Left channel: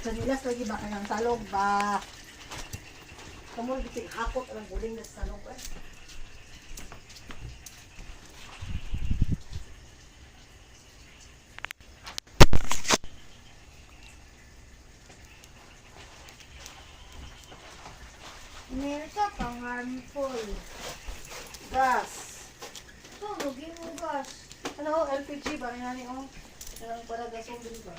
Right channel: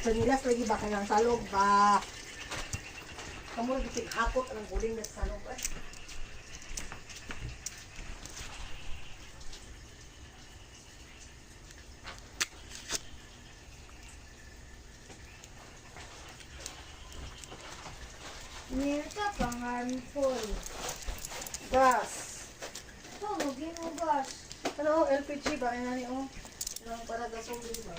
Magsanilas lagi ba kayang salog ba? Kamu lagi hakot ang guling na sa salog eh. Amerika pang handful. Gas. So, lugin mo gas. Ano, LPG ba? Ano yan oh? Para gasol din ba?